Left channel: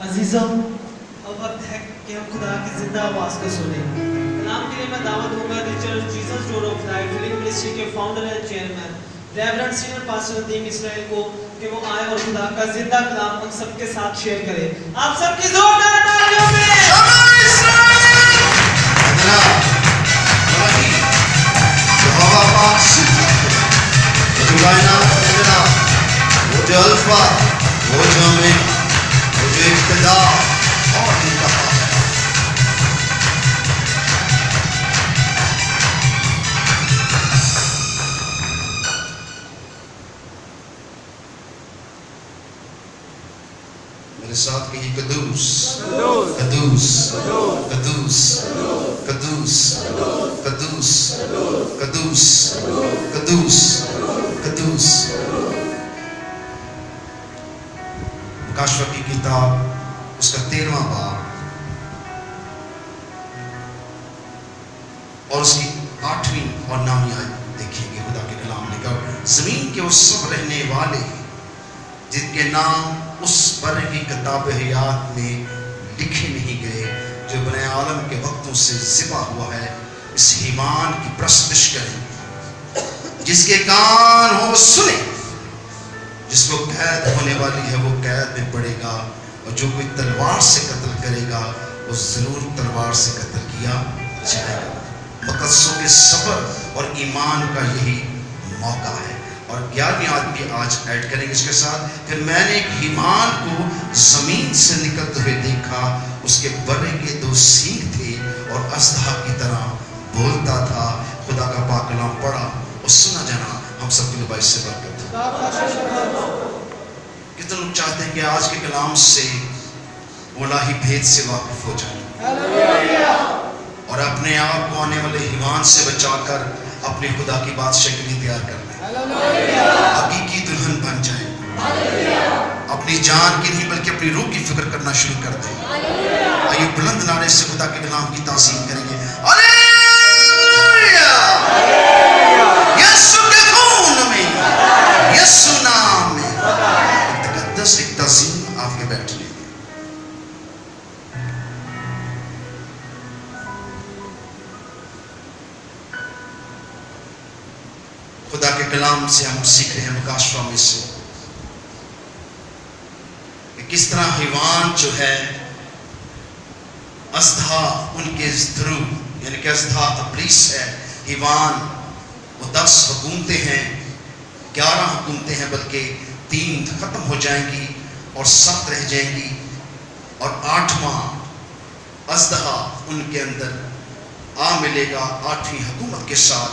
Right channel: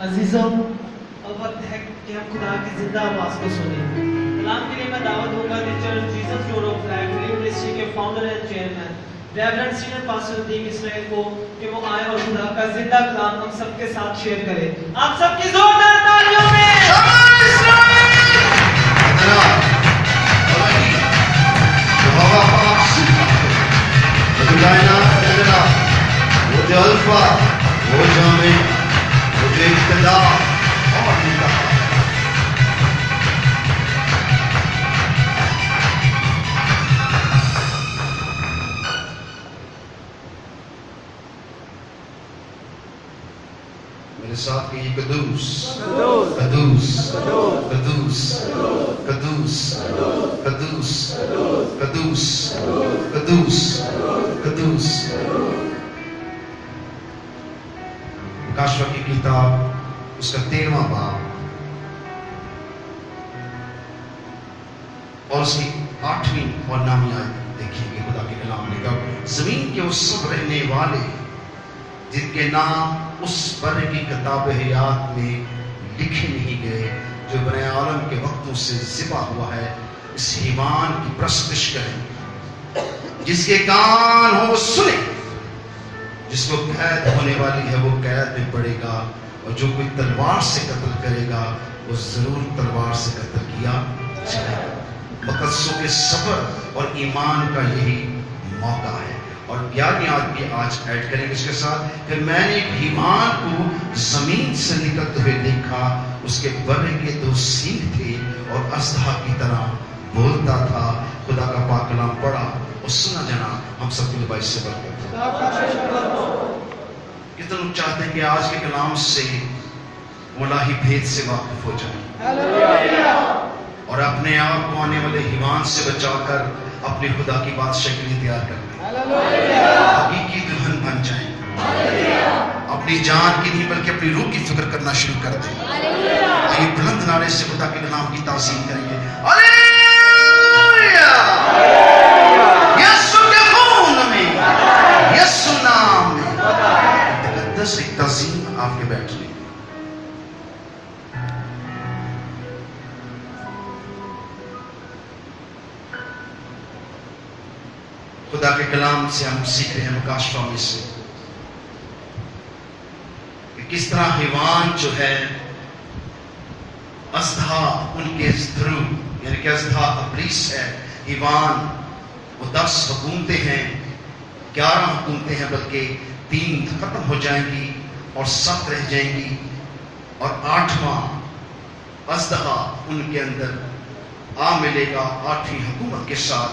अजीजों, अब वक्त है कि हम खुदा की जिंदा आवाज को सुने। कलाम के लिए मैं दावत दूंगा the church Jesus door of life filling ministry के founder and chairman reverend senior pastor Nadeem Israel को कि वो आए और खुदा का जिंदा कलाम हम सबके साथ शेयर करें। आप सबकी जोरदार तालियों में वो जो अल्फा, वो जो ओमेगा, वो जो इब्तिदा और इंतहा है। मेरे साथ कहिए कदूस, कदूस, कदूस, कदूस, कदूस, कदूस, कदूस, कदूस। प्रकाशित की किताब उसका 13वां बाब और उसकी 8वीं और 9वीं आयत देखिएगे। खुदा के कलाम ने कहा, जमीन के वो सब रहने वाले जिनके नाम उस बर्रे की किताब हयात में लिखे नहीं गए, जो बने आलम के वक्तों से ज़िबा हुआ है, इस ईमान की प्रस्तुत करेंगे। जिसके कान हो सुने, जिसको कैद होने वाली है वो कैद में पड़ेगा, और जो कोई तलवार से कत्ल करेगा वो जरूर तलवार से कत्ल किया जाएगा। मुकद्दसों के सब्र और ईमान का यही मौका है। और 11वीं आयत भी आज ऐड करेंगे इसके साथ। फिर मैंने एक हीमान को जमीन से निकलते हुए देखा, उसके बर्रे के 2 सींग थे और अजदहा की तरह बोलता था। खुदा का पाक कलाम पढ़ा और सुना जाना हम सबके लिए बाइस से बरकत। कितने लोग चाहते हैं कि आज के कलाम से इलाही भेद से वाकिफ हो जाए और अपने आप को आने वाले हीमान से बचाकर अपने खुदा की बादशाह के लिए तैयार कर लें, हकीकी दुल्हन बन जाए, अपनी जान की नहीं बल्कि अपनी रूह की फिक्र करना शुरू कर दें। आइए बुलंद नारे से खुदा के नाम की ताज़ीम करेंगे। हालेलुया! यीशु के खून में, यीशु नाम में मुक़द्दस एक ताज़ीम आपके बैठ लें। खुदा के कलाम से हम सीख रहे हैं मुकाशफा में से कि किस तरह हैवान जो है अजदहा उनके ध्रुव यानी कि अजदहा इब्लीस है। हैवान वो 10 हुकूमतें हैं, 11 हुकूमतें हैं, बल्कि 3 खत्म हो जाएंगी और 7 रह जाएंगी और 8वां अजदहा उनके अंदर आ मिलेगा 8वीं हुकूमत के साथ।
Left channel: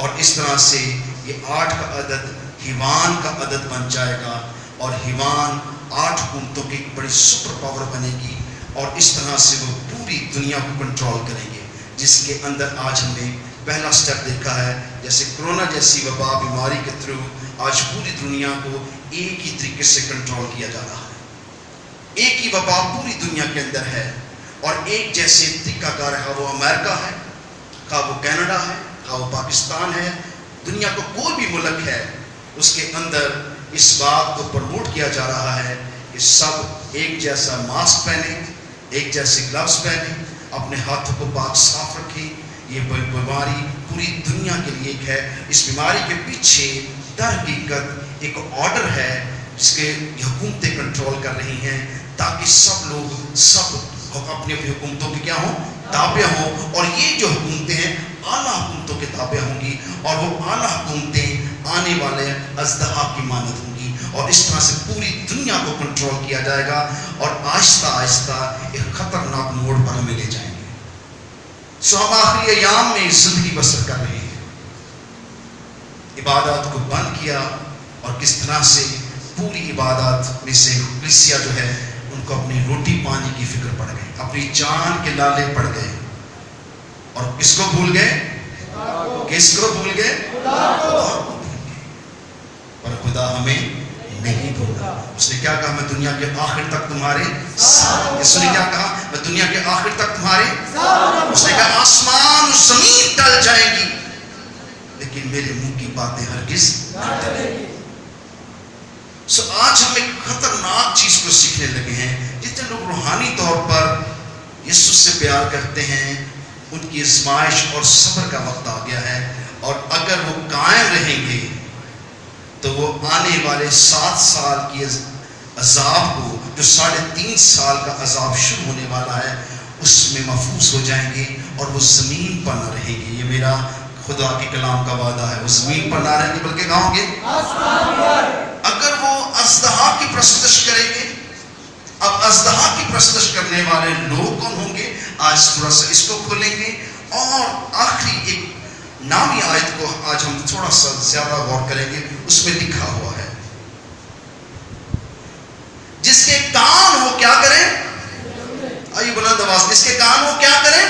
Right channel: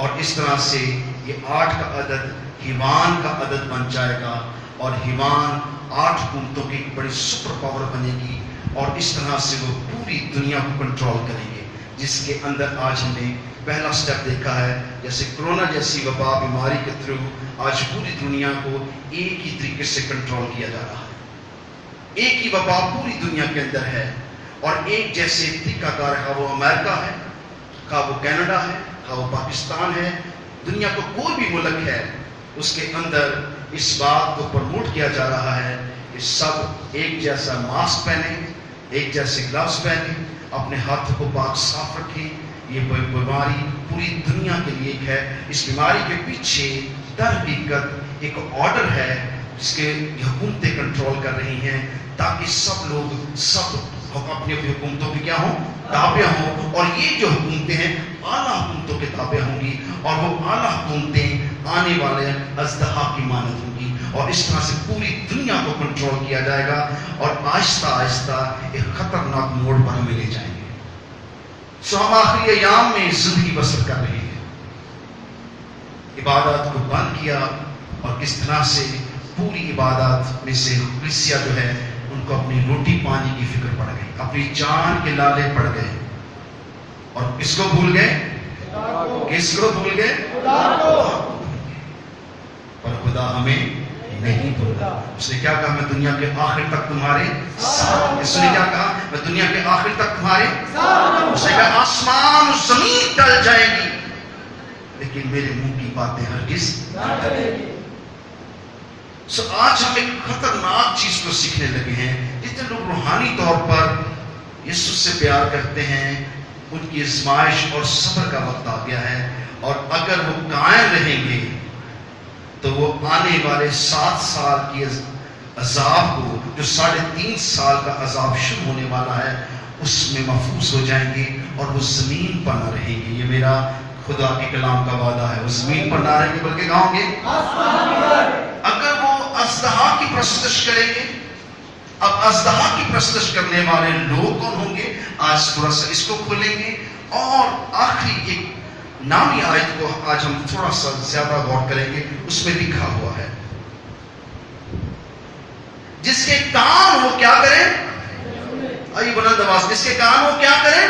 और इस तरह से ये 8 का अदद हिवान का अदद बन जाएगा और हिवान 8 हुकूमतों की एक बड़ी सुपर पावर बनेगी और इस तरह से वो पूरी दुनिया को कंट्रोल करेंगे, जिसके अंदर आज हमने पहला स्टेप देखा है। जैसे कोरोना जैसी वबा बीमारी के थ्रू आज पूरी दुनिया को एक ही तरीके से कंट्रोल किया जा रहा है। एक ही वबा पूरी दुनिया के अंदर है और एक जैसे तरीकाकार है, वो अमेरिका है, का वो कनाडा है, वो पाकिस्तान है, दुनिया को कोई भी मुल्क है उसके अंदर इस बात को प्रमोट किया जा रहा है कि सब एक जैसा मास्क पहने, एक जैसे ग्लव्स पहने, अपने हाथों को पाक साफ रखें। ये बीमारी पूरी दुनिया के लिए एक है। इस बीमारी के पीछे दर हकीकत एक ऑर्डर है जिसके हुकूमतें कंट्रोल कर रही हैं, ताकि सब लोग सब अपनी अपनी हुकूमतों की क्या हो ताबे हों। और ये जो हुकूमतें हैं आला हुकूमतों के ताबे होंगी और वो आला हुकूमतें आने वाले अजदहा की मानद होंगी और इस तरह से पूरी दुनिया को कंट्रोल किया जाएगा और आहिस्ता आहिस्ता एक खतरनाक मोड़ पर हमें ले जाएंगे। सो हम आखिरी अयाम में जिंदगी बसर कर रहे हैं, इबादत को बंद किया और किस तरह से पूरी इबादत में से कलीसिया जो है उनको अपनी रोटी पानी की फिक्र पड़ गई, अपनी जान के लाले पड़ गए और किसको भूल गए? किसको भूल गए? खुदा को भूल गए। पर खुदा हमें नहीं भूला। उसने क्या कहा? मैं दुनिया के आखिर तक तुम्हारे साथ। उसने क्या कहा? मैं दुनिया के आखिर तक तुम्हारे साथ। उसने कहा आसमान और जमीन टल जाएगी लेकिन मेरे मुंह की बातें हरगिज न टलेंगी। सो आज हम एक खतरनाक चीज को सीखने लगे हैं। जितने जो लोग रूहानी तौर पर यीशु से प्यार करते हैं, उनकी आजमाइश और सब्र का वक्त आ गया है, और अगर वो कायम रहेंगे तो वो आने वाले 7 साल की अजाब को, जो 3.5 साल का अजाब शुरू होने वाला है, उसमें महफूज हो जाएंगे और वो ज़मीन पर ना रहेंगे। ये मेरा खुदा के कलाम का वादा है। वो ज़मीन पर ना रहेंगे बल्कि कहाँ होंगे? अगर वो अज़दहा की परस्तश करेंगे। अब अज़दहा की परस्तश करने वाले लोग कौन होंगे? आज थोड़ा सा इसको खोलेंगे और आखिरी एक नामी आयत को आज हम थोड़ा सा ज्यादा गौर करेंगे। उसमें लिखा हुआ है, जिसके कान वो क्या करें? आइए बुलंद आवाज, जिसके कान वो क्या करें?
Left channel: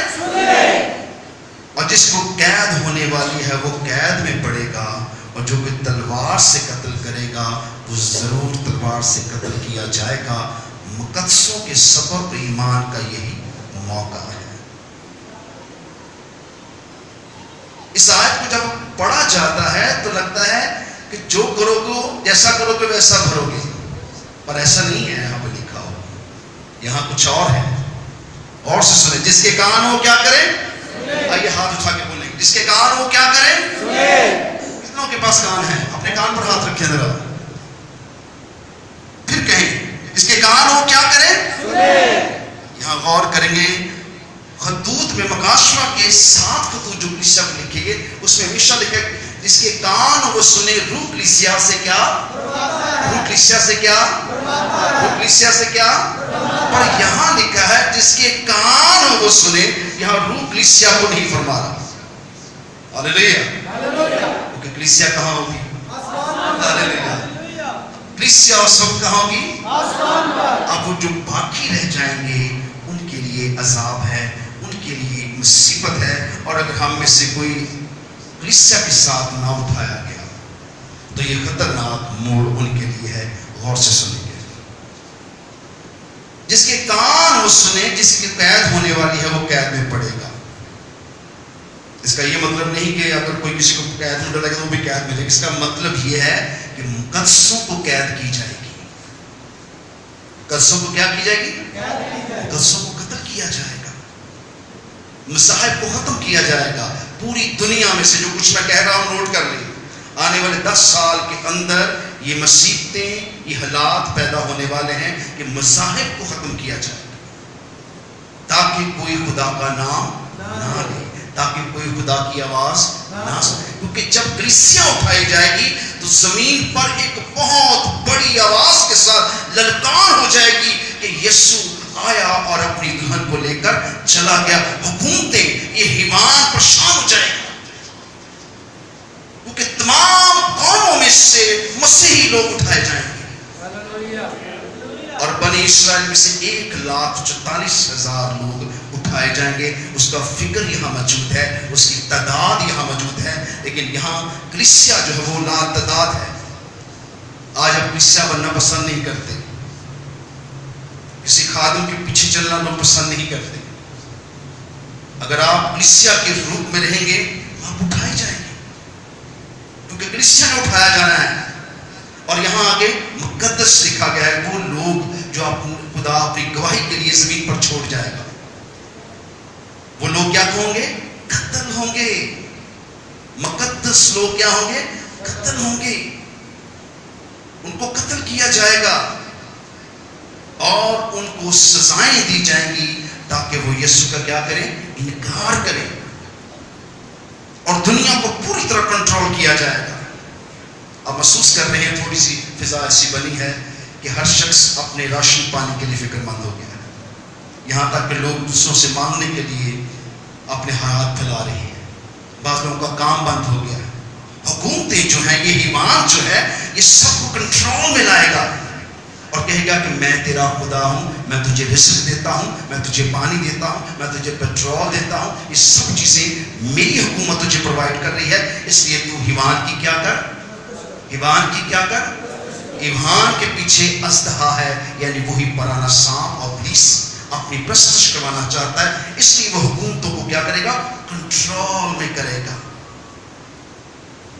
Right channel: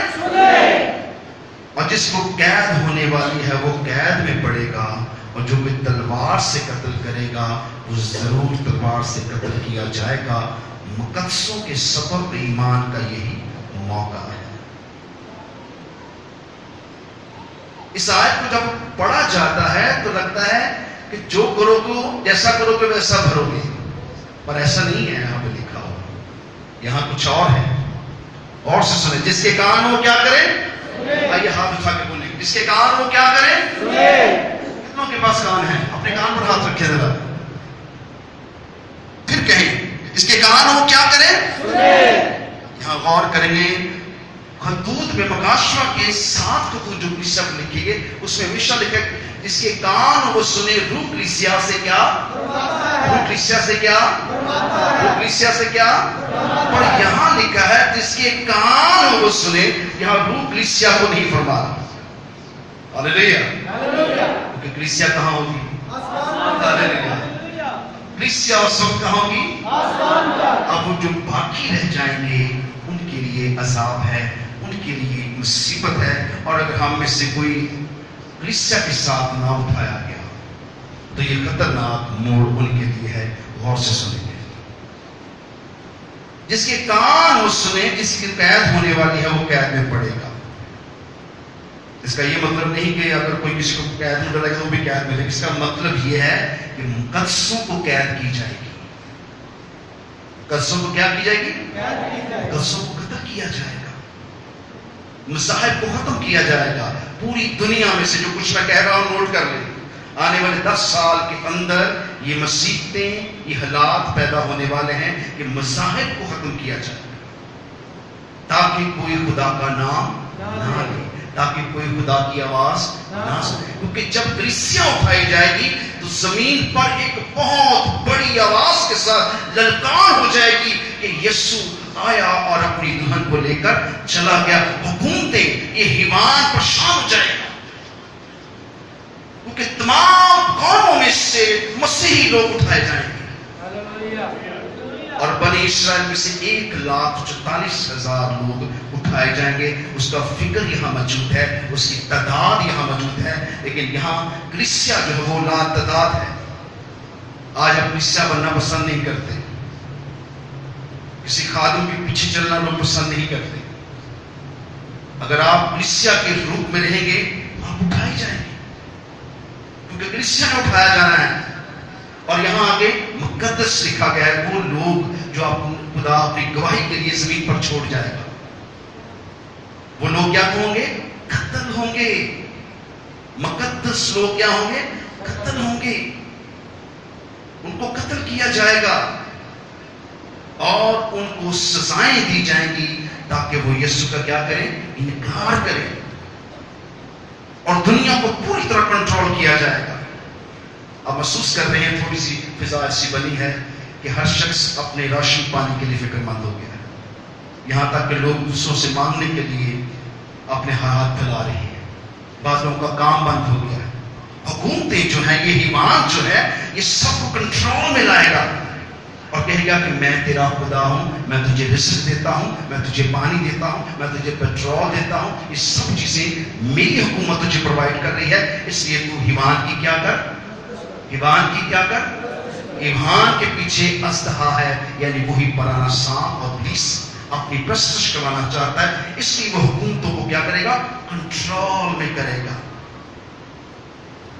और जिसको कैद होने वाली है वो कैद में पड़ेगा, और जो कोई तलवार से कत्ल करेगा वो जरूर तलवार से कत्ल किया जाएगा। मुकद्दसों के सबब ईमान का यही मौका है। इस आयत को जब पढ़ा जाता है तो लगता है कि जो करोगे, जैसा करोगे वैसा भरोगे, पर ऐसा नहीं है। यहाँ पे लिखा हो, यहाँ कुछ और है। और से सुने, जिसके कान हो क्या करें? आइए हाथ उठा के बोलेंगे, जिसके कान हो क्या करें? कितनों के पास कान है? अपने कान पर हाथ रखें जरा, फिर कहें, जिसके कान हो क्या करें? यहाँ गौर करेंगे, खतूत में मकाशवा के 7 खतूत जो कलीसिया में लिखे गए, उसमें हमेशा लिखा है जिसके कान वो सुने। रूह कलीसिया से क्या? रूह कलीसिया से क्या? रूह कलीसिया से क्या? पर यहाँ लिखा है जिसके कान वो सुने। यहाँ रूह कलीसिया को नहीं फरमा रहा। हालेलुया। क्योंकि कलीसिया कहाँ होगी? हालेलुया। कलीसिया उस वक्त कहाँ होगी? अब वो जो बाकी रह जाएंगे उनके लिए अजाब है, उनके लिए मुसीबत है। और अगर हम में से कोई कलीसिया के साथ ना उठाया गया तो ये खतरनाक मोड़ उनके लिए है। गौर से सुनेंगे, जिसके कान वो सुने, जिसकी कैद होने वाली है वो कैद में पड़ेगा। इसका ये मतलब नहीं कि अगर कोई किसी को कैद में डालेगा तो वो भी कैद में जाएगा। इसका मतलब ये है कि मुकद्दसों को कैद की जाएगी। मुकद्दसों को क्या की जाएगी? मुकद्दसों को कत्ल किया जाएगा, मज़ाहिब को खत्म किया जाएगा। पूरी दुनिया में से जो कुछ मैं कह रहा हूं नोट कर लें। आने वाले 10 साल के अंदर ये मुसीबतें, ये हालात पैदा होने वाले हैं कि मज़ाहिब को खत्म किया जाएगा, ताकि कोई खुदा का नाम ना ले, ताकि कोई खुदा की आवाज ना सुने। क्योंकि जब कलीसिया उठाई जाएगी तो जमीन पर एक बहुत बड़ी आवाज के साथ ललकार हो जाएगी कि यीशु आया और अपनी दुल्हन को लेकर चला गया। हुकूमतें, ये हिवान परेशान हो जाएगा, क्योंकि तमाम कौमों में से मसीही लोग उठाए जाएंगे। और बनी इस्राएल में से 1,44,000 लोग उठाए जाएंगे। उसका फिक्र यहाँ मौजूद है, उसकी तादाद यहाँ मौजूद है। लेकिन यहाँ कलीसिया जो है वो लातादाद है। आज अब कलीसिया बनना पसंद नहीं करते, किसी खादिम के पीछे चलना लोग पसंद नहीं करते। अगर आप कलीसिया के रूप में रहेंगे आप उठाए जाएंगे, क्योंकि कलीसिया ने उठाया जाना है। और यहाँ आगे मुकद्दस लिखा गया है, वो लोग जो खुदा अपनी गवाही के लिए जमीन पर छोड़ जाएगा, वो लोग क्या होंगे? कत्ल होंगे। मुकद्दस लोग क्या होंगे? कत्ल होंगे। उनको कत्ल किया जाएगा और उनको सजाएं दी जाएंगी ताकि वो यीशु का क्या करें? इनकार करें। और दुनिया को पूरी तरह कंट्रोल किया जाएगा। अब महसूस कर रहे हैं थोड़ी सी फिजा ऐसी बनी है कि हर शख्स अपने राशन पानी के लिए फिक्रमंद हो गया है। यहाँ तक कि लोग दूसरों से मांगने के लिए अपने हाथ फैला रहे हैं। बाज़ लोगों का काम बंद हो गया है। हुकूमतें जो हैं, ये ईमान जो है, ये सबको कंट्रोल में लाएगा और कहेगा कि मैं तेरा खुदा हूँ, मैं तुझे रिस्क देता हूँ, मैं तुझे पानी देता हूँ, मैं तुझे पेट्रोल देता हूँ। ये सब चीज़ें मेरी हुकूमत तुझे प्रोवाइड कर रही है, इसलिए तू ईमान की क्या कर? ईमान की क्या कर? ईमान के पीछे अज़दहा है, यानी वही पुराना सांप और इब्लीस अपनी प्रस्तुत करवाना चाहता है। इसलिए वो हुकूमतों को क्या करेगा? कंट्रोल में करेगा।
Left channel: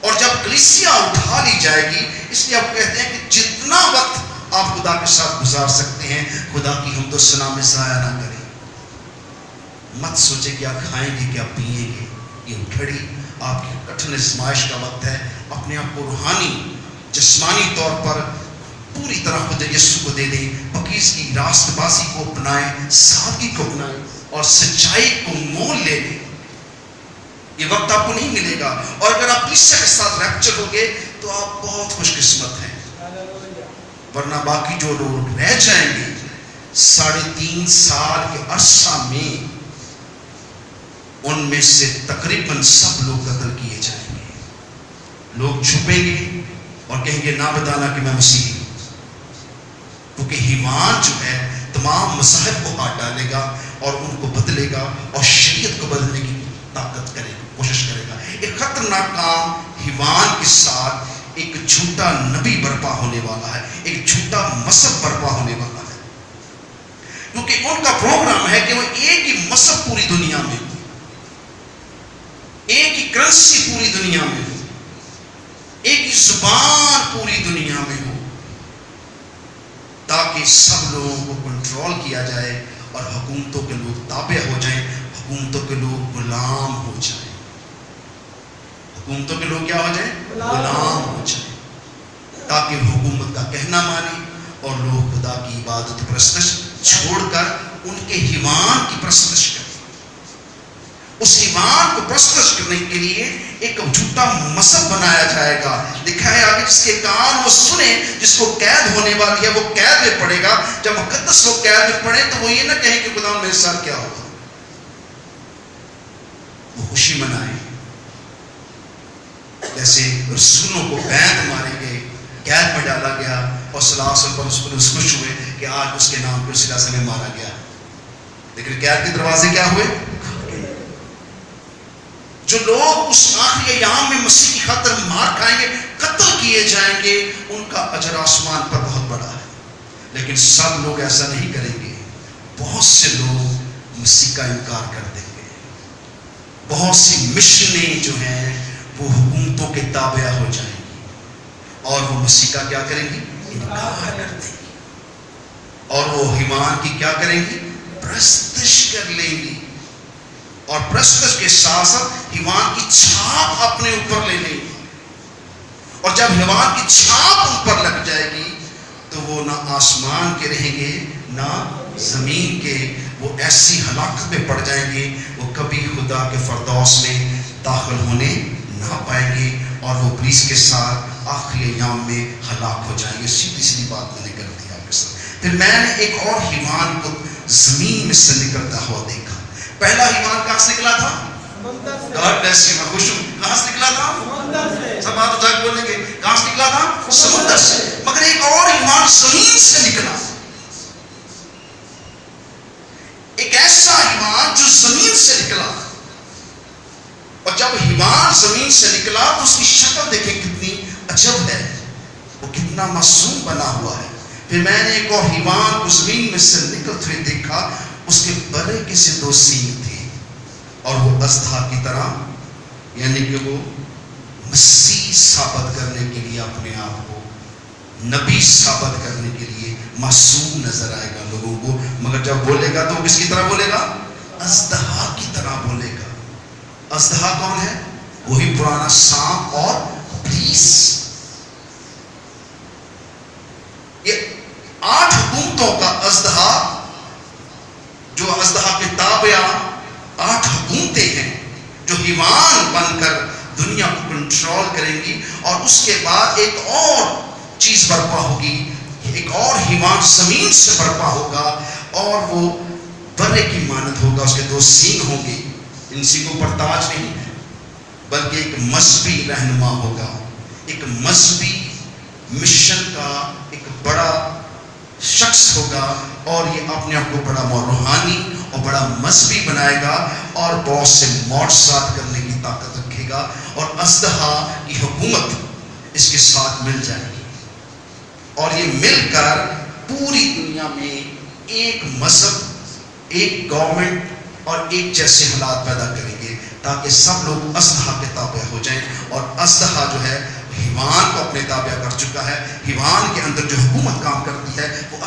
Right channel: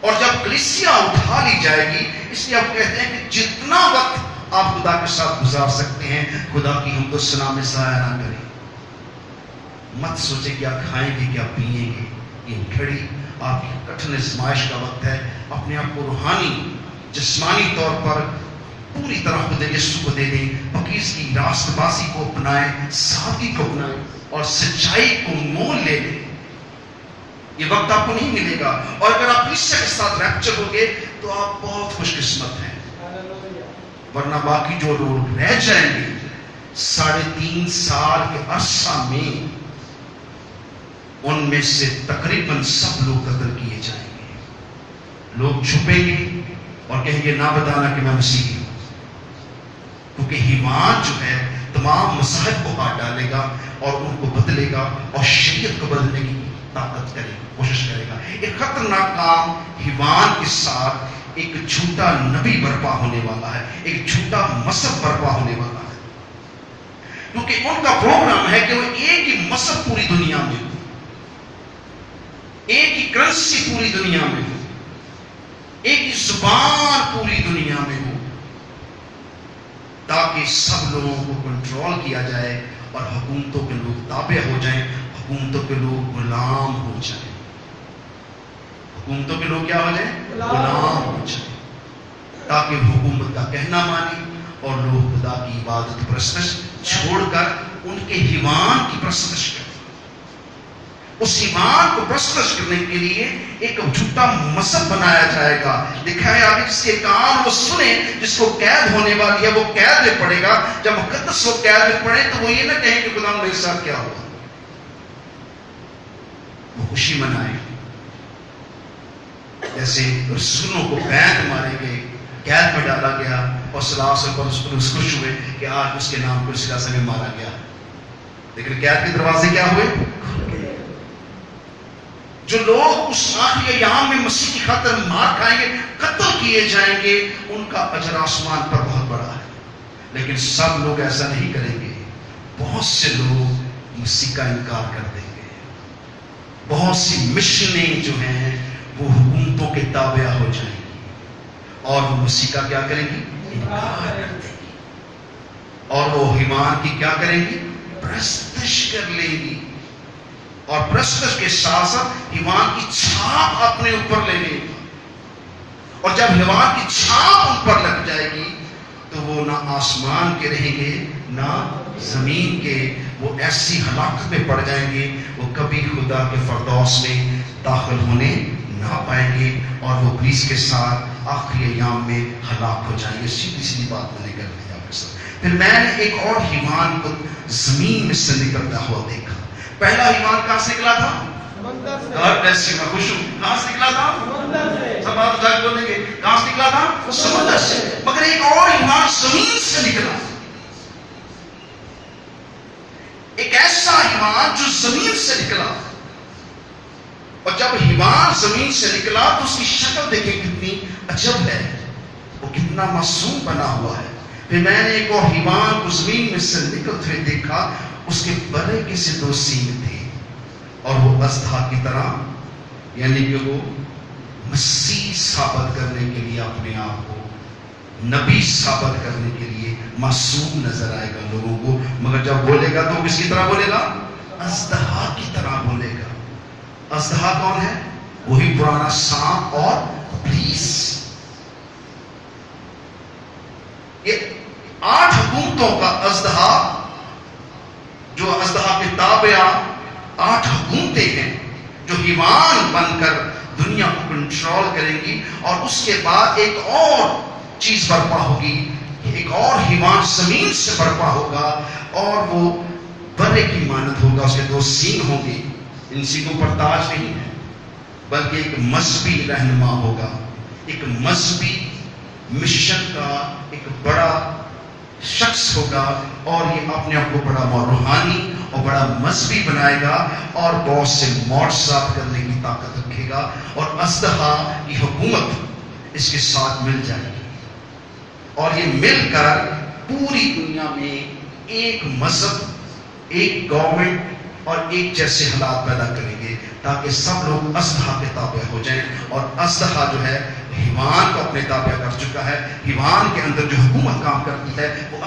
और जब कलीसिया उठा ली जाएगी, इसलिए आप कहते हैं कि जितना वक्त آپ خدا کے ساتھ گزار سکتے ہیں. خدا کی حمد و ثنا میں ضائع نہ کریں. مت سوچے کیا کھائیں گے کیا پئیں گے. یہ گھڑی آپ کی کٹھن آزمائش کا وقت ہے. اپنے آپ کو روحانی جسمانی طور پر پوری طرح خدا یسوع کو دے دیں. پاکیز کی راست بازی کو اپنائیں, سادگی کو اپنائیں اور سچائی کو مول لے لیں. یہ وقت آپ کو نہیں ملے گا. اور اگر آپ عیسیٰ کے ساتھ ریپچر ہوگے تو آپ بہت خوش قسمت ہیں. ورنہ باقی جو لوگ رہ جائیں گے 3.5 سال کے عرصہ میں, ان میں سے تقریباً سب لوگ قتل کیے جائیں گے. لوگ چھپیں گے اور کہیں گے نہ بتانا کہ میں مسیحی ہوں. کیونکہ ایمان جو ہے تمام مذاہب کو ہاتھ ڈالے گا اور ان کو بدلے گا اور شریعت کو بدلنے کی طاقت کرے گا, کوشش کرے گا. ایک خطرناک کام ایمان کے ساتھ ایک جھوٹا نبی برپا ہونے والا ہے, ایک جھوٹا مذہب برپا ہونے والا ہے. کیونکہ ان کا پروگرام ہے کہ وہ ایک ہی مذہب پوری دنیا میں ہو, ایک ہی کرنسی پوری دنیا میں ہو, ایک ہی زبان پوری دنیا میں ہو, تاکہ سب لوگوں کو کنٹرول کیا جائے اور حکومتوں کے لوگ تابع ہو جائیں, حکومتوں کے لوگ غلام ہو جائیں. حکومتوں کے لوگ کیا ہو جائیں؟ غلام ہو جائیں, تاکہ حکومت کا کہنا مانے اور لوگ خدا کی عبادت پرستش چھوڑ کر ان کے ایمان کی پرستش کریں. اس ایمان کو پرستش کرنے کے لیے ایک جھوٹا مذہب بنایا جائے گا. لکھا ہے آگے جس کے کان وہ سنے, جس کو قید ہونے والی ہے وہ قید میں پڑے گا. جب مقدس لوگ قید میں پڑے تو وہ یہ نہ کہیں کہ خدا میرے ساتھ کیا ہوگا, وہ خوشی منائیں. جیسے رسولوں کو بیعت مارے گئے, قید میں ڈالا گیا اور صلی اللہ علیہ وسلم اس خوش ہوئے کہ آج اس کے نام پر صلی اللہ علیہ وسلم مارا گیا. لیکن قید کے دروازے کیا ہوئے؟ جو لوگ اس آخری ایام میں مسیح کی خاطر مار کھائیں گے, قتل کیے جائیں گے, ان کا اجر آسمان پر بہت بڑا ہے. لیکن سب لوگ ایسا نہیں کریں گے. بہت سے لوگ مسیح کا انکار کر دیں گے. بہت سی مشنیں جو ہیں وہ حکومتوں کے تابع ہو جائیں گی اور وہ مسیح کا کیا کریں گی؟ انکار کر دیں گی. اور وہ ایمان کی کیا کریں گی؟ پرستش کر لیں گی. اور پرستش کے ساتھ ساتھ ایمان کی چھاپ اپنے اوپر لے لیں گی. اور جب ایمان کی چھاپ ان پر لگ جائے گی تو وہ نہ آسمان کے رہیں گے نہ زمین کے. وہ ایسی ہلاکت میں پڑ جائیں گے وہ کبھی خدا کے فردوس میں داخل ہونے نہ پائیں گے اور وہ ابلیس کے ساتھ آخری ایام میں ہلاک ہو جائیں گے. سیدھی سیدھی بات میں نے کر دی آپ کے ساتھ. پھر میں نے ایک اور ایمان کو زمین میں سے نکلتا ہوا دیکھا. پہلا ایمان کہاں سے نکلا تھا؟ God bless you, میں خوش ہوں. کہاں سے نکلا تھا؟ سب بات اٹھا کے بولیں گے. کہاں سے نکلا تھا؟ سمندر سے. مگر ایک اور ایمان زمین سے نکلا. ایک ایسا ایمان جو زمین سے نکلا. اور جب ایمان زمین سے نکلا تو اس کی شکل دیکھیں کتنی عجب ہے, وہ کتنا معصوم بنا ہوا ہے. پھر میں نے ایک اور ایمان کو زمین میں سے نکلتے ہوئے دیکھا. اس کے بڑے کے سے 2 سینگ تھے اور وہ اژدہا کی طرح, یعنی کہ وہ مسیح ثابت کرنے کے لیے اپنے آپ کو نبی ثابت کرنے کے لیے معصوم نظر آئے گا لوگوں کو. مگر جب بولے گا تو وہ کس کی طرح بولے گا؟ اژدہا کی طرح بولے گا. اژدہا کون ہے؟ وہی پرانا سانپ اور ابلیس. یہ 8 حکومتوں کا اژدہا, جو اژدہا کے تابع 8 حکومتیں ہیں جو ایمان بن کر دنیا کو کنٹرول کریں گی. اور اس کے بعد ایک اور چیز برپا ہوگی, ایک اور ایمان زمین سے برپا ہوگا اور وہ بڑے کی مانند ہوگا. اس کے 2 سینگ ہوں گے. ان سینگوں پر تاج نہیں ہے بلکہ ایک مذہبی رہنما ہوگا, ایک مذہبی مشن کا ایک بڑا شخص ہوگا اور یہ اپنے آپ کو بڑا روحانی اور بڑا مذہبی بنائے گا اور بہت سے معجزات کرنے کی طاقت رکھے گا. اور اژدہا کی حکومت اس کے ساتھ مل جائے گی اور یہ مل کر پوری دنیا میں ایک مذہب, ایک گورنمنٹ اور ایک جیسے حالات پیدا کریں گے تاکہ سب لوگ اژدہا کے تابع ہو جائیں. اور اژدہا جو ہے हिवान को अपने ताबे कर चुका है। हिवान के अंदर जो हुकूमत काम करती है वो